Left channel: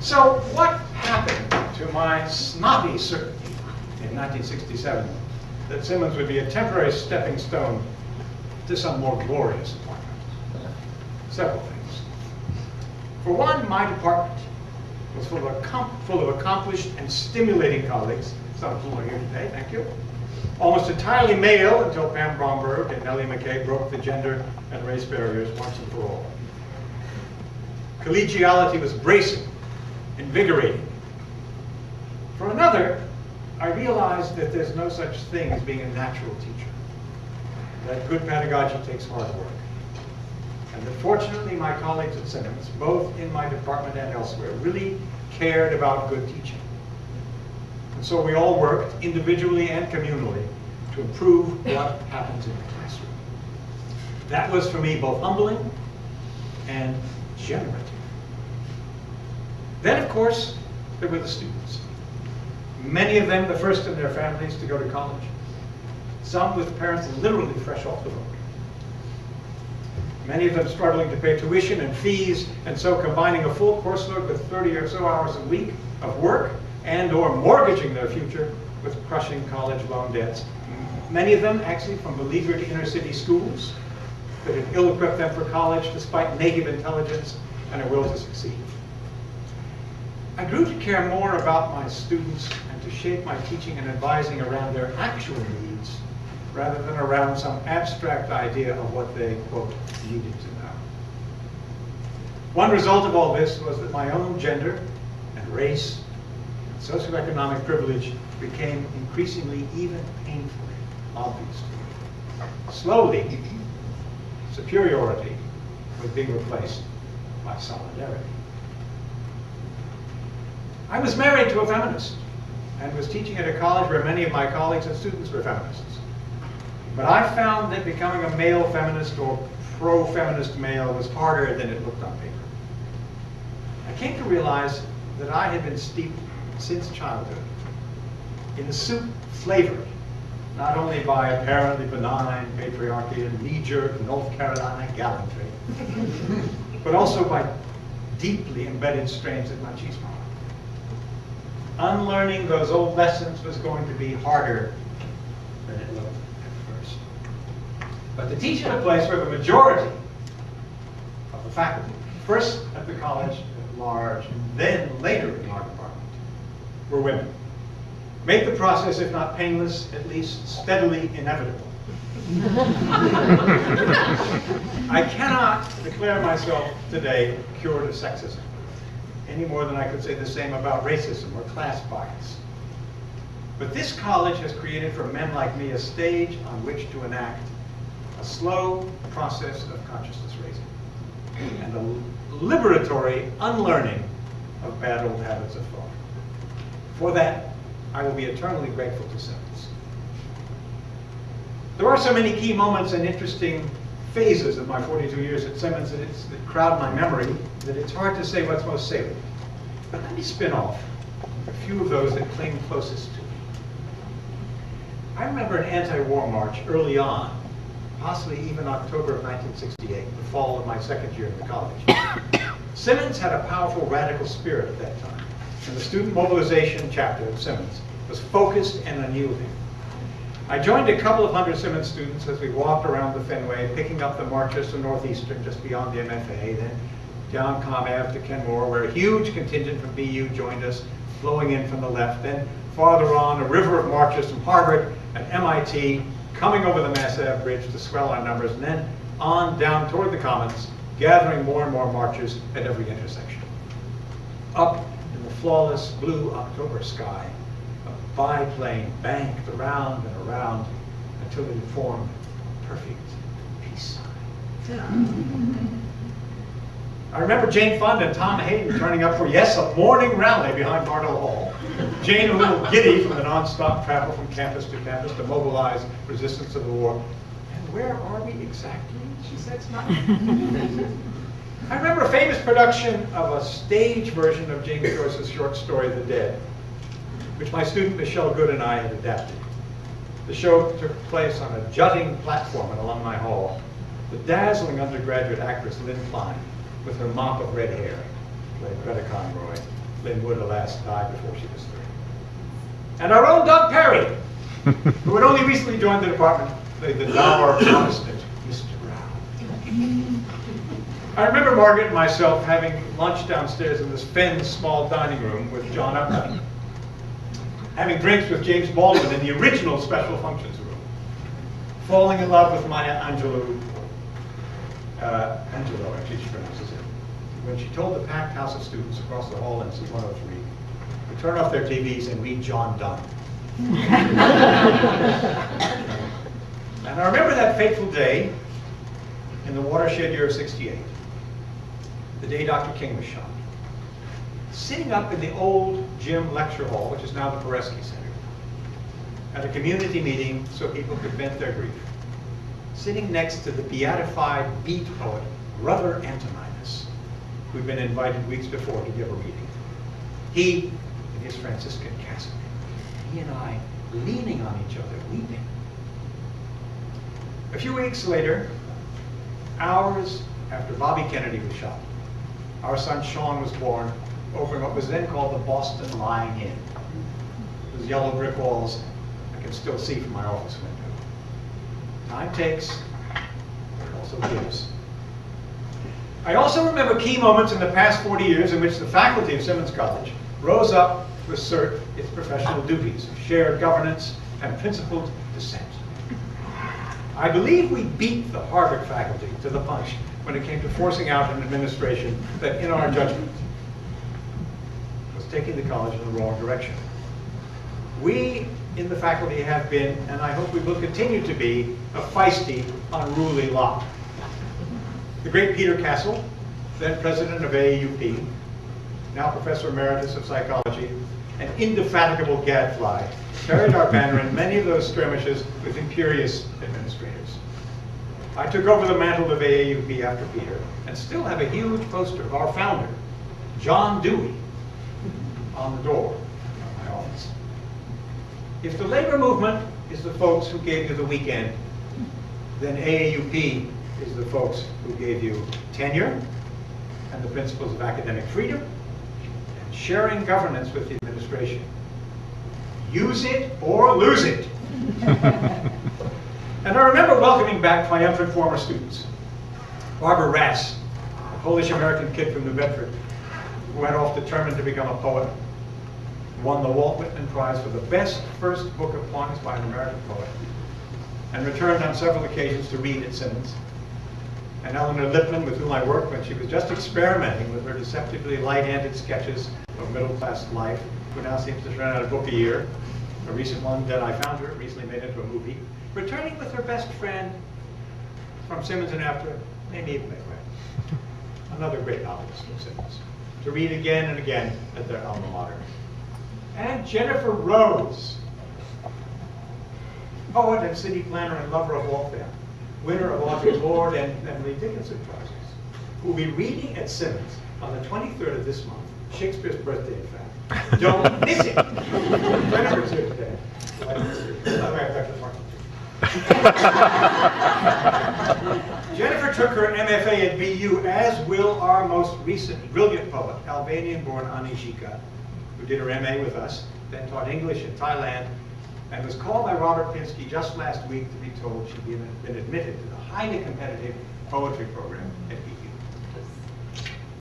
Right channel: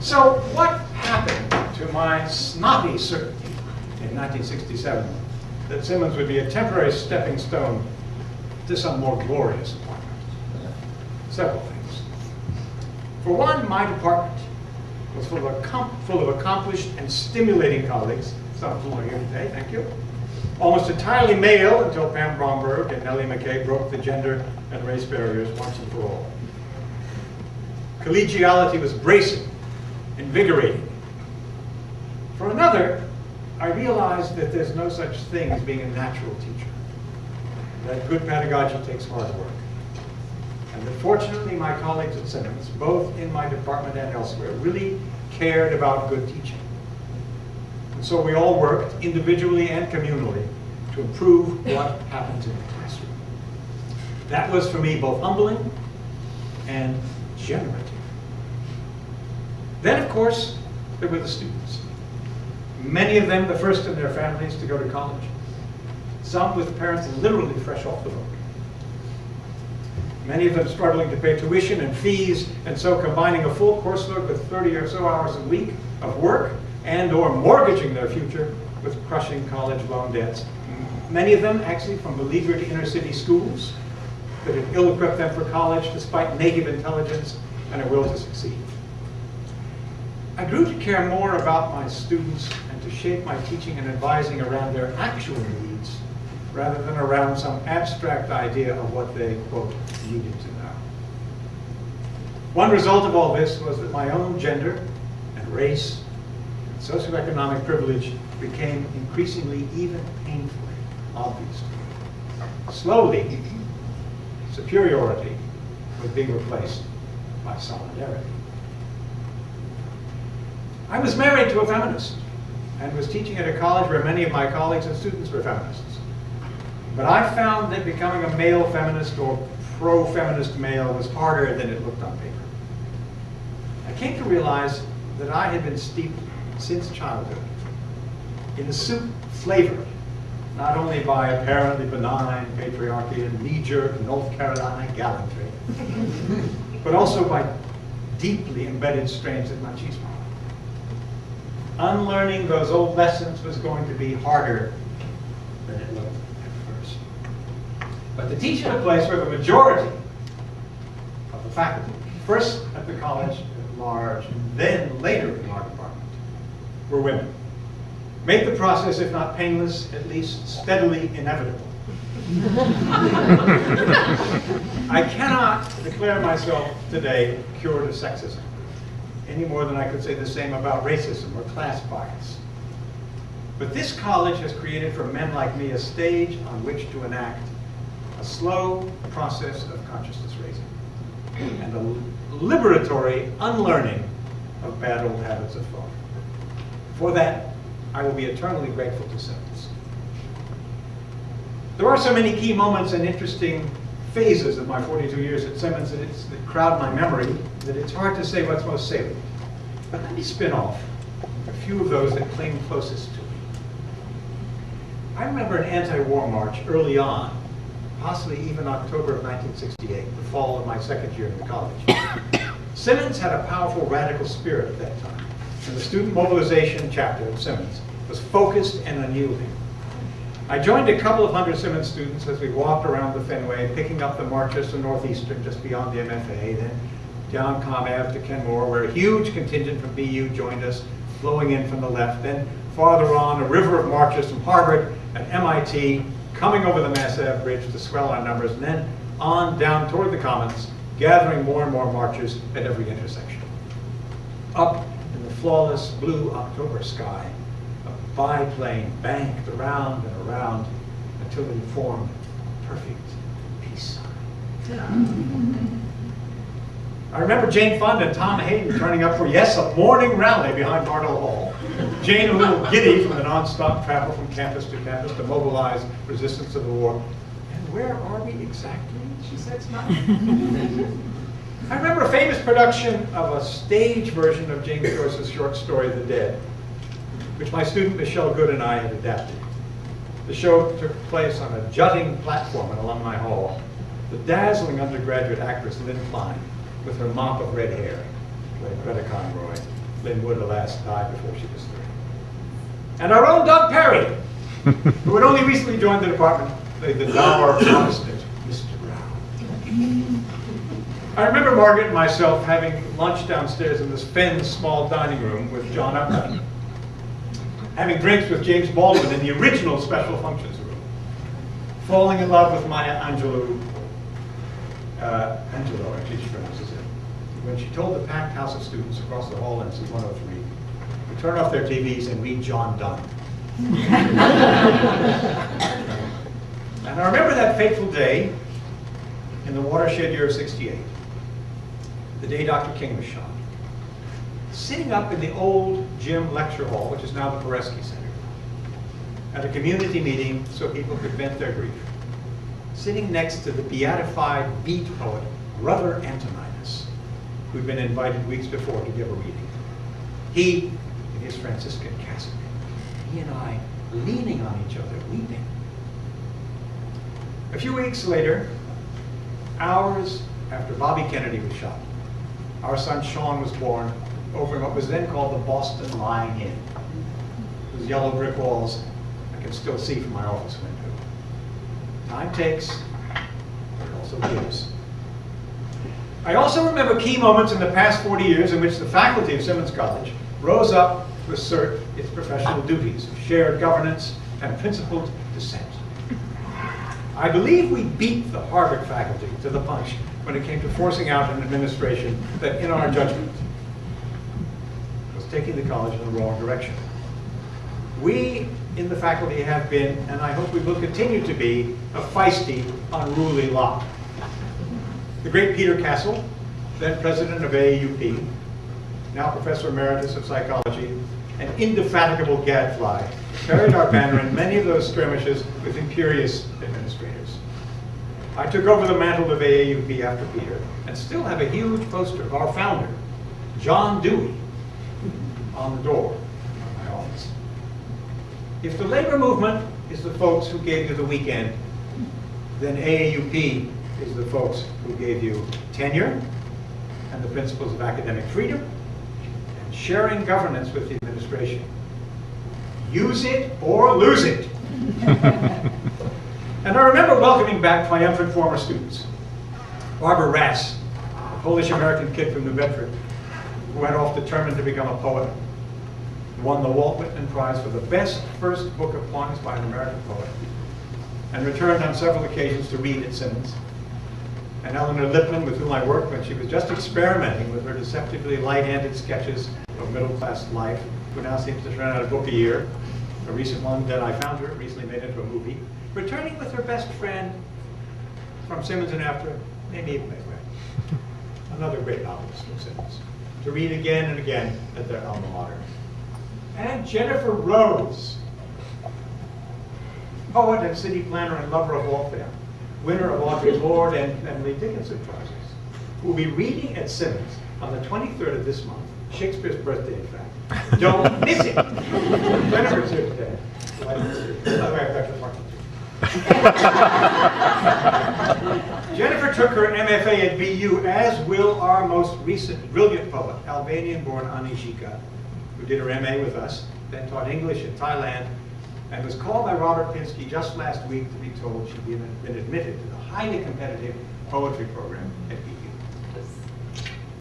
So what happened to my snotty certainty in 1967 that Simmons would be a temporary stepping stone to some more glorious appointment? Several things. For one, my department was full of accomplished and stimulating colleagues, some of whom are here today, thank you. Almost entirely male until Pam Bromberg and Nellie McKay broke the gender and race barriers once and for all. Collegiality was bracing, invigorating. For another, I realized that there's no such thing as being a natural teacher, that good pedagogy takes hard work. And that fortunately my colleagues at Simmons, both in my department and elsewhere, really cared about good teaching. And so we all worked, individually and communally, to improve what happens in the classroom. That was for me both humbling and generative. Then, of course, there were the students. Many of them the first in their families to go to college. Some with parents literally fresh off the boat. Many of them struggling to pay tuition and fees, and so combining a full course load with 30 or so hours a week of work and or mortgaging their future with crushing college loan debts. Many of them actually from beleaguered inner city schools that had ill-equipped them for college despite native intelligence and a will to succeed. I grew to care more about my students and to shape my teaching and advising around their actual needs rather than around some abstract idea of what they, quote, needed to know. One result of all this was that my own gender and race and socioeconomic privilege became increasingly, even painfully, obvious to me. Slowly, superiority was being replaced by solidarity. I was married to a feminist and was teaching at a college where many of my colleagues and students were feminists. But I found that becoming a male feminist or pro-feminist male was harder than it looked on paper. I came to realize that I had been steeped since childhood in a soup flavored not only by apparently benign patriarchy and knee-jerk North Carolina gallantry, but also by deeply embedded strains of machismo. Unlearning those old lessons was going to be harder than it looked at first. But to teach at a place where the majority of the faculty, first at the college at large, and then later in our department, were women, made the process, if not painless, at least steadily inevitable. I cannot declare myself today cured of sexism, any more than I could say the same about racism or class bias. But this college has created for men like me a stage on which to enact a slow process of consciousness raising and a liberatory unlearning of bad old habits of thought. For that, I will be eternally grateful to Simmons. There are so many key moments and interesting phases of my 42 years at Simmons that crowd my memory that it's hard to say what's most salient. But let me spin off a few of those that cling closest to me. I remember an anti-war march early on, possibly even October of 1968, the fall of my second year in the college. Simmons had a powerful radical spirit at that time, and the student mobilization chapter of Simmons was focused and unyielding. I joined a couple of hundred Simmons students as we walked around the Fenway, picking up the marches to Northeastern, just beyond the MFA, then down Comm Ave to Kenmore, where a huge contingent from BU joined us, flowing in from the left. Then farther on, a river of marches from Harvard and MIT, coming over the Mass Ave bridge to swell our numbers, and then on down toward the Commons, gathering more and more marches at every intersection. Up in the flawless blue October sky, a biplane banked around and around until it formed a perfect peace sign. I remember Jane Fund and Tom Hayden turning up for, yes, a morning rally behind Bartle Hall. Jane a little giddy from the non-stop travel from campus to campus to mobilize resistance to the war. And where are we exactly? She said, smiling. I remember a famous production of a stage version of James Joyce's short story, The Dead, which my student Michelle Good and I had adapted. The show took place on a jutting platform in Alumni Hall. The dazzling undergraduate actress Lynn Klein, with her mop of red hair, played Greta Conroy, Lynn Wood, alas, died before she was 30. And our own Doug Perry, who had only recently joined the department, played the dour Protestant Mr. Brown. I remember Margaret and myself having lunch downstairs in this Fenn's small dining room with John Upton, having drinks with James Baldwin in the original special functions room, falling in love with Maya Angelou, Angelo, actually she pronounces it, when she told the packed house of students across the hall in C-103 to turn off their TVs and read John Donne. And I remember that fateful day in the watershed year of '68, the day Dr. King was shot, sitting up in the old gym lecture hall, which is now the Peresky Center, at a community meeting so people could vent their grief, sitting next to the beatified beat poet, Brother Antoninus, who'd been invited weeks before to give a reading. He in his Franciscan cassock, he and I leaning on each other, weeping. A few weeks later, hours after Bobby Kennedy was shot, our son Sean was born over in what was then called the Boston Lying Inn. Those yellow brick walls I can still see from my office window. Time takes, but it also gives. I also remember key moments in the past 40 years in which the faculty of Simmons College rose up to assert its professional duties of shared governance and principled dissent. I believe we beat the Harvard faculty to the punch when it came to forcing out an administration that, in our judgment, was taking the college in the wrong direction. We in the faculty have been, and I hope we will continue to be, a feisty, unruly lot. The great Peter Castle, then president of AAUP, now professor emeritus of psychology, an indefatigable gadfly, carried our banner in many of those skirmishes with imperious administrators. I took over the mantle of AAUP after Peter, and still have a huge poster of our founder, John Dewey, on the door of my office. If the labor movement is the folks who gave you the weekend, then AAUP is the folks who gave you tenure and the principles of academic freedom and sharing governance with the administration. Use it or lose it. And I remember welcoming back triumphant former students. Barbara Rass, a Polish-American kid from New Bedford, who went off determined to become a poet, won the Walt Whitman Prize for the best first book of poems by an American poet, and returned on several occasions to read at Simmons. And Eleanor Lippman, with whom I worked when she was just experimenting with her deceptively light-handed sketches of middle-class life, who now seems to turn out a book a year. A recent one that I found her recently made into a movie. Returning with her best friend from Simmons and after, maybe even Megway, another great novelist from Simmons, to read again and again at their alma mater. And Jennifer Rose, poet and city planner and lover of Waltham, winner of Audre Lorde and Emily Dickinson prizes, who will be reading at Simmons on the 23rd of this month, Shakespeare's birthday, in fact. Don't miss it. Jennifer's here today. By the way, I've got your parking too. Jennifer took her MFA at BU, as will our most recent brilliant poet, Albanian-born Ani Shika, who did her MA with us, then taught English in Thailand, and was called by Robert Pinsky just last week to be told she'd been admitted to the highly competitive poetry program at BU.